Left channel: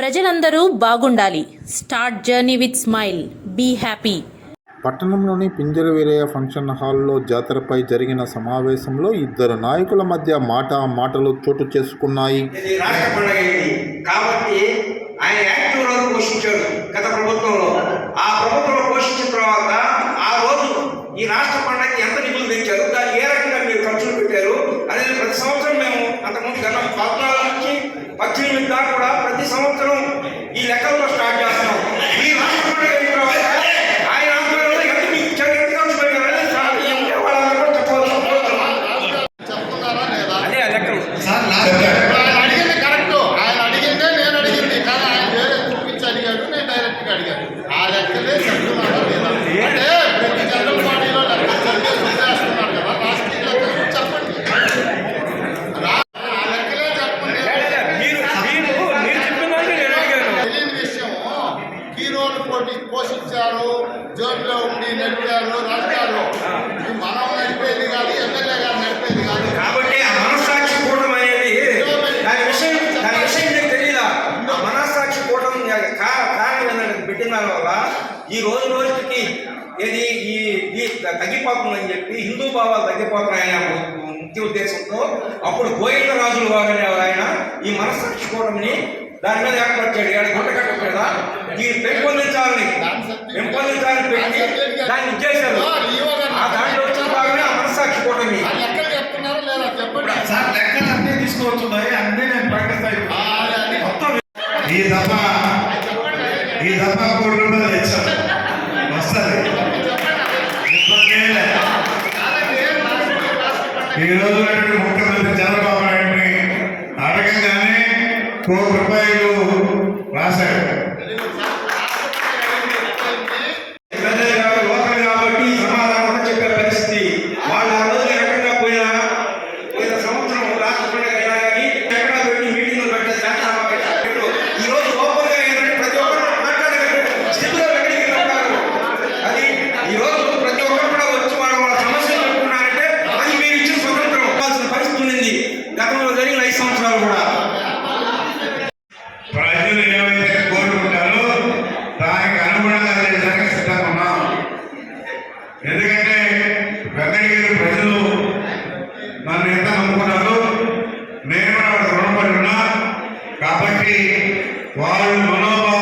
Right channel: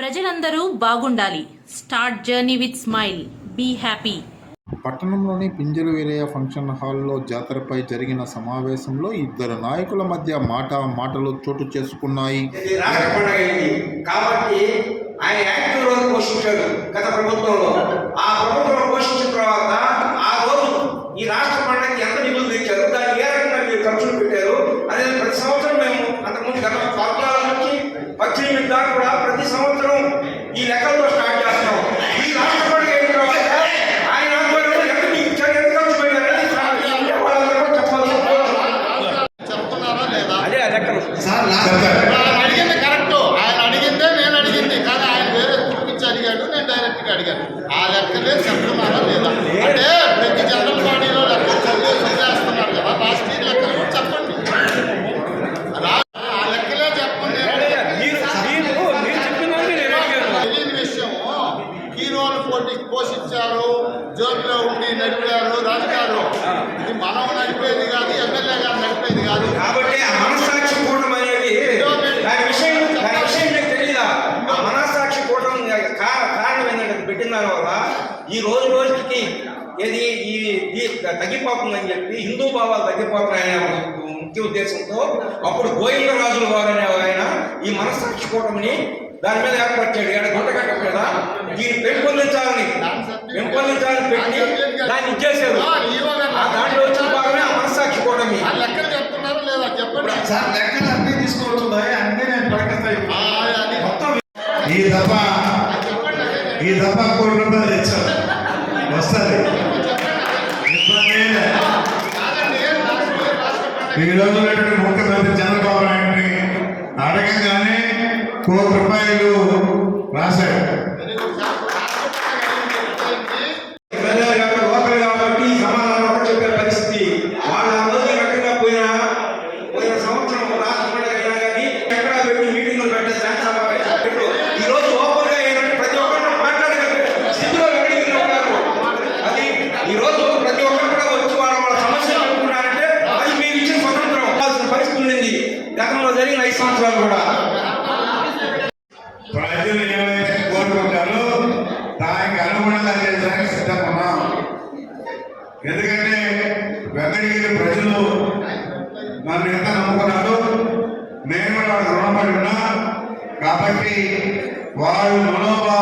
ప్రజలందరూ బాగుండాలి. Start journey with smile. Be happy. పట్టణంలోని పింజరు వీరయ్య ఫంక్షన్ హాల్లో జాతరపై జరిగిన సమావేశంలో ఇద్దరు నాయకుల మధ్య మాట మాటలు చోటు చేసుకున్నాయి. ఇది రాష్ట్ర పండుగ ఇది. కాబట్టి ఆయన యాక్టివ్ రోల్ పోషించాడు గత ప్రభుత్వంలో. ఆ ప్రభుత్వంలో పోషించిన తర్వాత ఆ రోజు ఈ రాష్ట్ర పండుగకి ఎంత నిధులు తెచ్చారు? దాన్ని ఏ రకంగా మీరు ఖర్చులు పెట్టారు? అదే ప్రతి సంవత్సరం మేము అంతకుముందు గత పద్నాలుగు నుంచి పద్దెనిమిది దాకా కూడా ప్రతి సంవత్సరం ఈ లెక్కల్లో స్టార్ట్ చేస్తాం. ఈ రాష్ట్ర పండుగ అయిన తర్వాత ఆయన ఆధ్వర్యంలో ఎంత మీకు ఇచ్చారు ఎంత ఖర్చు పెట్టారని చాలా ఈ ఉండే వాళ్ళందరూ కూడా చెప్పాల్సిన కోరుతున్నాను. చెప్తున్నారా లేదా? అడిగింది కరెక్ట్. ఆయన అడిగిందే నేను అడిగింది. కానీ ఆయన వేరే చూపించి అడిగాడు నేను డైరెక్ట్గా అడిగాను. ఆ లెక్కలే చెప్తున్నారా లేదా? అంటే ప్రతి జనరల్ బాడీలో లెక్కలు చదివేసి వదిలేస్తున్నారు కదా రాష్ట్రీయ లెక్కలు కూడా చెప్పండి రా- ఆ లెక్కలే చెప్పండి తెలియని విషయం హీరోలు పోటీ పోషించారు జోబిలో ఉండి నడిపారు రాజుగారు. ఇది మనం నడిపేది కాదు ఎమ్మెల్యే గారు నడిపేది కాదు. కాబట్టి ఆ మనస్సాక్షి కూటమి అనేది దాని విషయం దాని విషయం మీకు తెలియదా ఆ మనస్సాక్షి కూటమి కా- కారణం ఏంటంటే పెట్టిన దాని వల్ల ఈ రోజు రోజుకి ఏది ఈ తగ్గిపోతుందని చెప్పి హిందూ భావాలు తగ్గిపోతున్నాయని ముఖ్య ఉద్దేశంతో అప్పుడు గోవిందరాజులు వారు అనే ఆయన ఈ మనస్సాక్షి కూటమిని దాని మీద ఏర్పరిచాడు ఇక్కడ గుంటకట్ట మీద దీన్ని పెంపొందించాలని పెంపొందించాలని పెట్టి దాన్ని ఇచ్చేశారు. ఆ దాంట్లో వచ్చిన భాగమే ఆ మనస్సాక్షి కూటమి. ఆ లెక్కలు చెప్తున్నారా లేదా? చెప్పండి. సార్ లెక్కలు అన్నీ తీసుకోవచ్చు అన్నీ నేను ప్రకటిస్తాను మొత్తం ఈ దఫ ఈ దఫ కోటి రూపాయలు తెచ్చాం. వస్తుంది. ఈ రోజు ముఖ్యమంత్రి చంద్రబాబు అడగంగానే కోటి రూపాయలు ప్రజలు ఏవైతే కోరుకుంటారో దానికి అనుగుణంగా చేయడానికి సిద్ధంగా ఎందుకంటే వెంకటగిరి ప్రజలు నన్ను ఎంత నమ్ముకున్నారు నేను రుణపడి ఉన్నా. కాబట్టి వాళ్ళు మనోభావం